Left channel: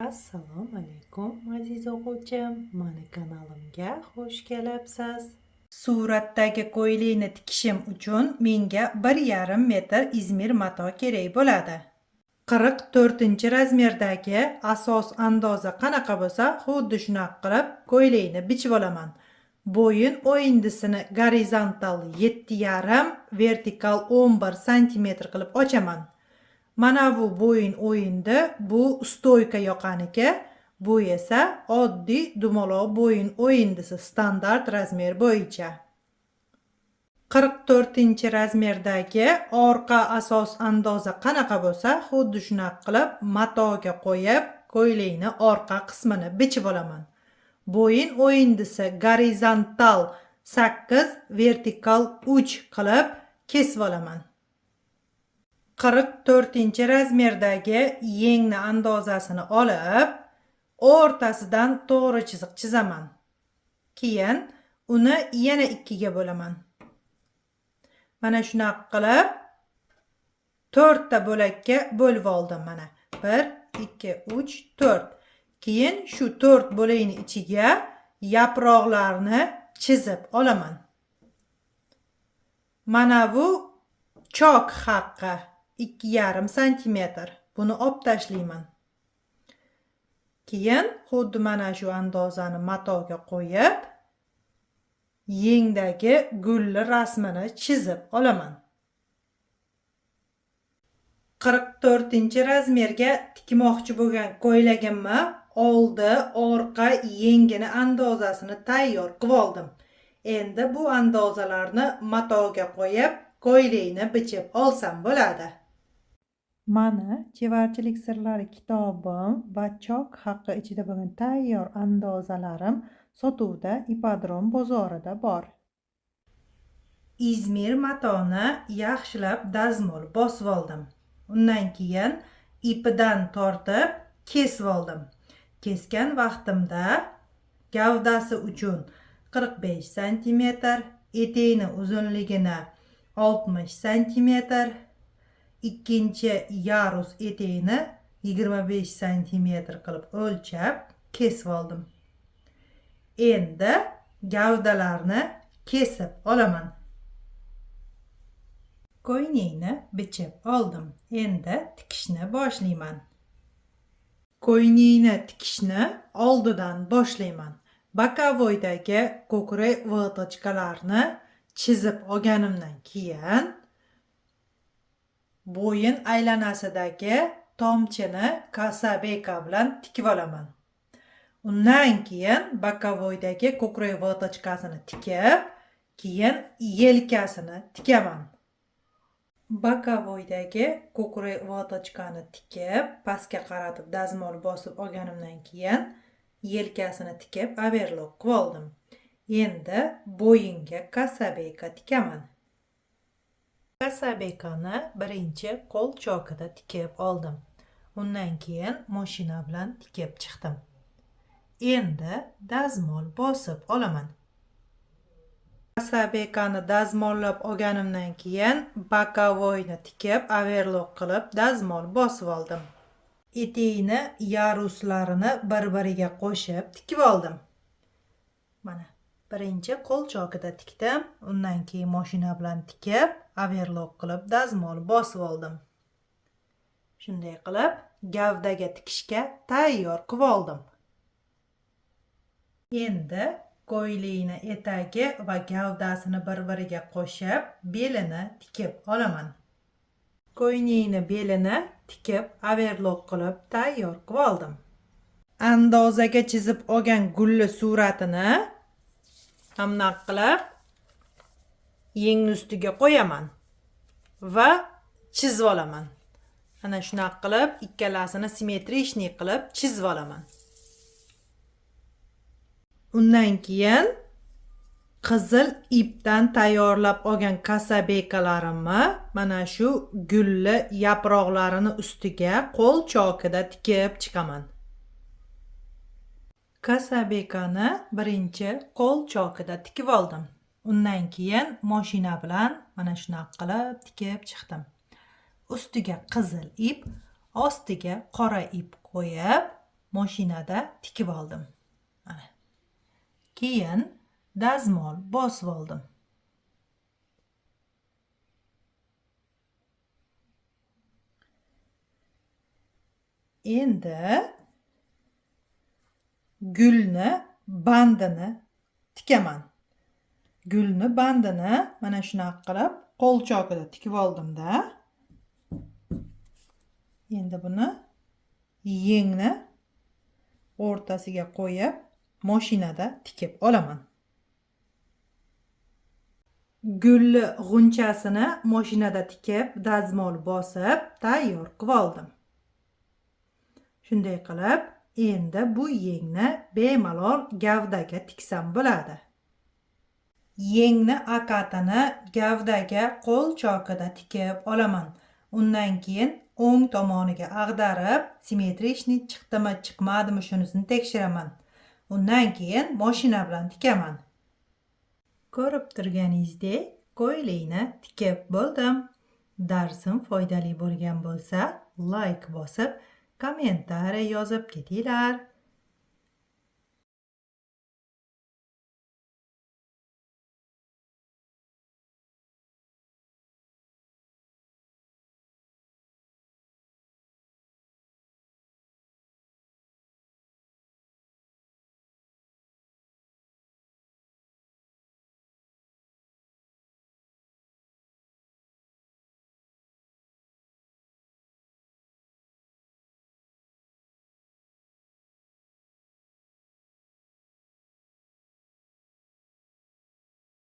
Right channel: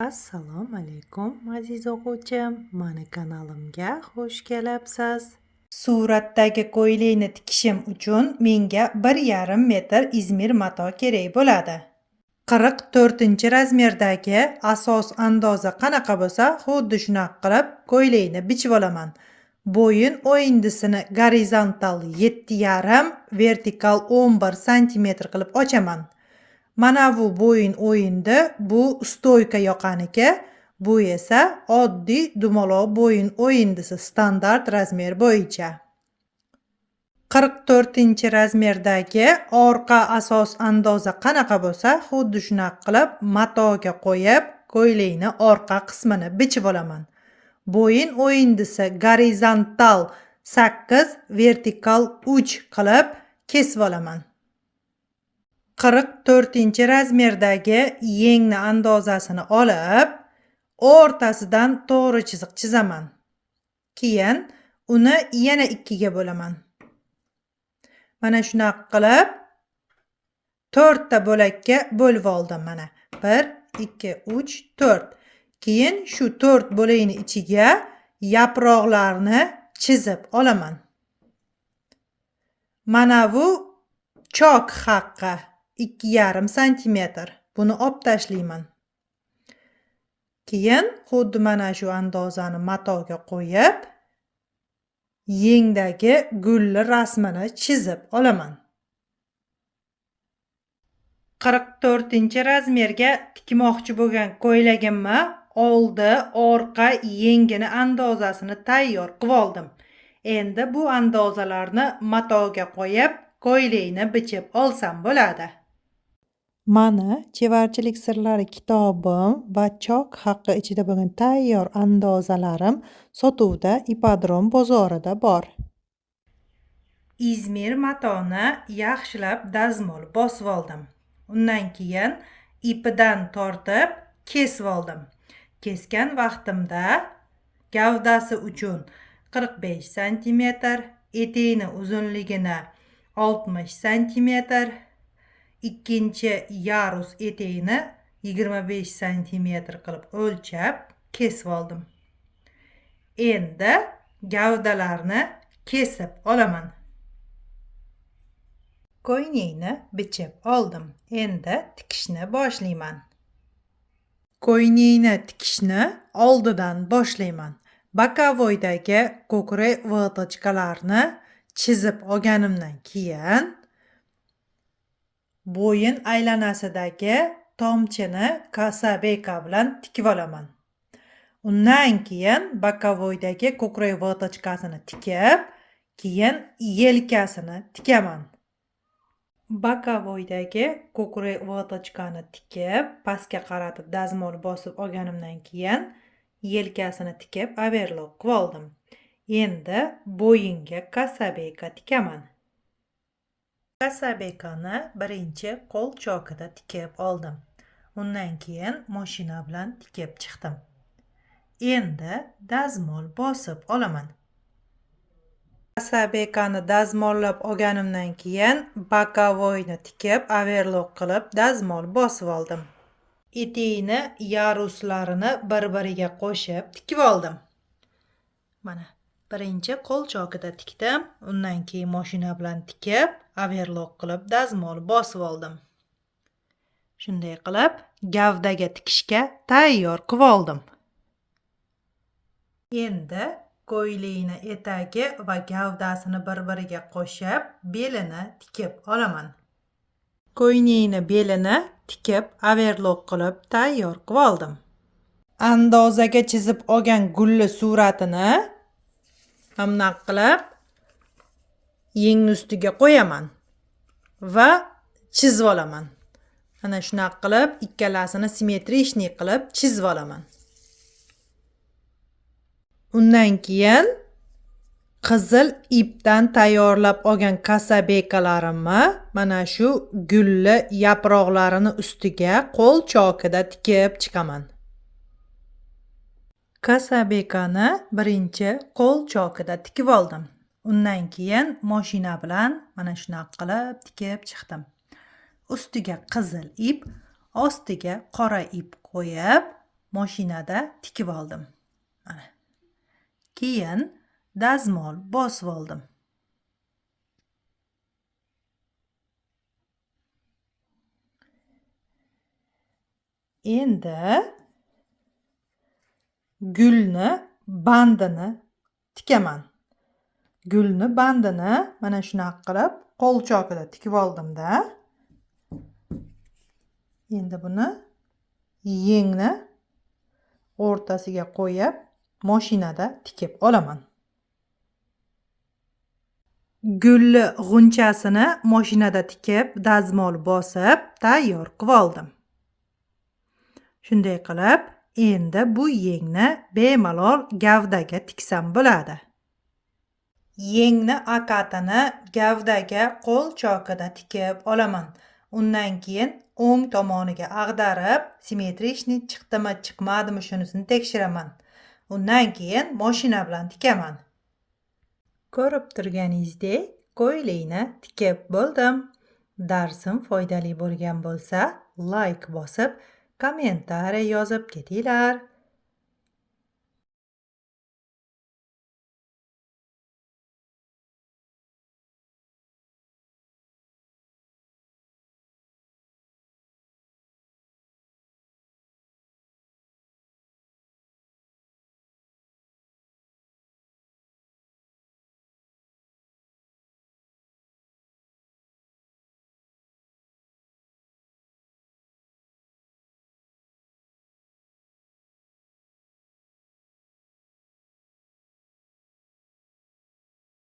Assalomu alaykum aziz o'quvchim, mani kanalimga xush kelibsiz. Suratdagi ko'ylakni tikishim uchun menga 1,5 metr izmir mato kerak bo'ladi. 44-razmerdagi asos andoza qanaqa bo'lsa, xuddi shunaqa qilib ko'ylakni bichib olaman. Bo'yin o'yindisini gorizontal 7,5, vertikal 11 sm qilib ochaman. Mana bu bo'yin o'yindi, bu stoyka yoqaniki, bu esa oddiy dumaloq bo'yin o'yindisi standart razmer bo'yicha. 44-razmerdagi orqa asos andoza qanaqa bo'lsa, xuddi shunaqa qilib matoga qo'yib, ko'ylakni orqa qismini bichib olaman. Bo'yin o'yindisi gorizontal 8, vertikal 3 qilib kesib olaman. 44-razmerdagi yengni andozasini olib, o'rtasidan to'g'ri chiziq chizaman. Keyin uni yana 2 ga bo'laman. Mana shunaqa qilib 4 ta bo'lakka bo'lib oldim mana. 1, 2, 3, 4. Keyin shu 4 bo'lakni ichiga yaproqlarni chizib olaman. Mana bu chok haqqi 2,5 sm. Buni olib tashlayman. Keyin xuddi mana shu andozani matoga qo'yib, yengdagi gulli rasmini chizib olaman. 44-razmerga tikmoqchi bo'lgan ko'ylagimni oldi, orqa, yengini andozasini tayyor qilib oldim. Endi bu andozalarni matoga qo'yib, ko'ylakni bichib olsam bo'ladi. Mana chevarchilik sirlari kitobim va chok haqqi ichida bo'lgan tayyor andozalarim sotuvda Ipodrom bozorida bor. Izmir matoni yaxshilab dazmol bosib oldim. Undan keyin ipidan tortib kesib oldim. Kesgan vaqtimda gavdasi uchun 45 sm, eteğini uzunligini 60 sm, ikkinchi yarus eteğini 25 sm qilib o'lchab kesib oldim. Endi gavdalarni kesib olaman. Ko'ylakni bichib oldim. Endi tikishni boshlayman. Ko'ylakni tikishni oldidan boshlayman. Bokovoydagi ko'krak vatochkalarni chizib olganimdan keyin bo'yin aylanasidagi tomchini kasabeka bilan tikib olaman. Undan keyin bokovoydagi ko'krak vatochkasini tikib, keyin yelkasini tikaman. Bokovoydagi ko'krak vatochkani tikib, pastga qaratib dazmol bosib olganimdan keyin yelkasini tikib overlock qilib oldim. Endi bo'yinga kasabeka tikaman. Kasabekani birinchi qo'l chokida tikib oldim. Undan keyin mashina bilan tikib chiqdim. Endi dazmol bosib olaman. Kasabekani dazmollab olganimdan keyin bokovoyni tikib overlock qilib dazmol bosib oldim. Eteğini yaruslarini bir-biriga qo'shib tikib oldim. Mana birinchi qo'l chokida tikdim, undan keyin mashina bilan tikib, overlock qilib dazmol bosib oldim. Shunday qilib gavdaga tikishga tayyor qilib oldim. Endi ko'ylakni etagi va gavdasini bir-biriga qo'shib, belini tikib olaman. Ko'ylakni belini tikib, overlock qilib tayyor qilib oldim. Andozaga chizib olgan gulli suratini hamna qilib yengni ustiga qo'yaman va chizib olaman. Mana shunaqa qilib ikkalasini simmetrичный qilib chizib olaman. Undan keyin qizil ipdan tayyorlab olgan kasabekalarimni mana shu gulli yaproqlarini ustiga qo'l chokida tikib chiqaman. Kasabekani birinchi qo'l chokida tikib oldim. Undan keyin mashina bilan mana shunaqa qilib tikib chiqdim. Ustiga qizil ip, ostiga qora ip qo'yib, mashinada tikib oldim. Mana. Keyin dazmol bosib oldim. Endi gulni bandini tikaman. Gulni bandini mana shunaqa qilib qo'l chokida tikib oldim-da. Endi buni yengni o'rtasiga qo'yib mashinada tikib olaman. Gulli g'unchasini mashinada tikib, dazmol bosib, tayyor qilib oldim. Shunday qilib, endi bu yengni bemalol gavdaga tiksam bo'ladi. Yengni akatini gavdaga qo'l chokida tikib olaman. Undan keyin o'ng tomoniga ag'darib, simmetrичный chiqdimi, chiqmadimi shunisini tekshiraman. Undan keyin mashina bilan tikaman. Ko'rib turganingizdek, ko'ylakni tikib bo'ldim. Darsim foydali bo'lgan bo'lsa, like bosib, kommentariy yozib ketinglar.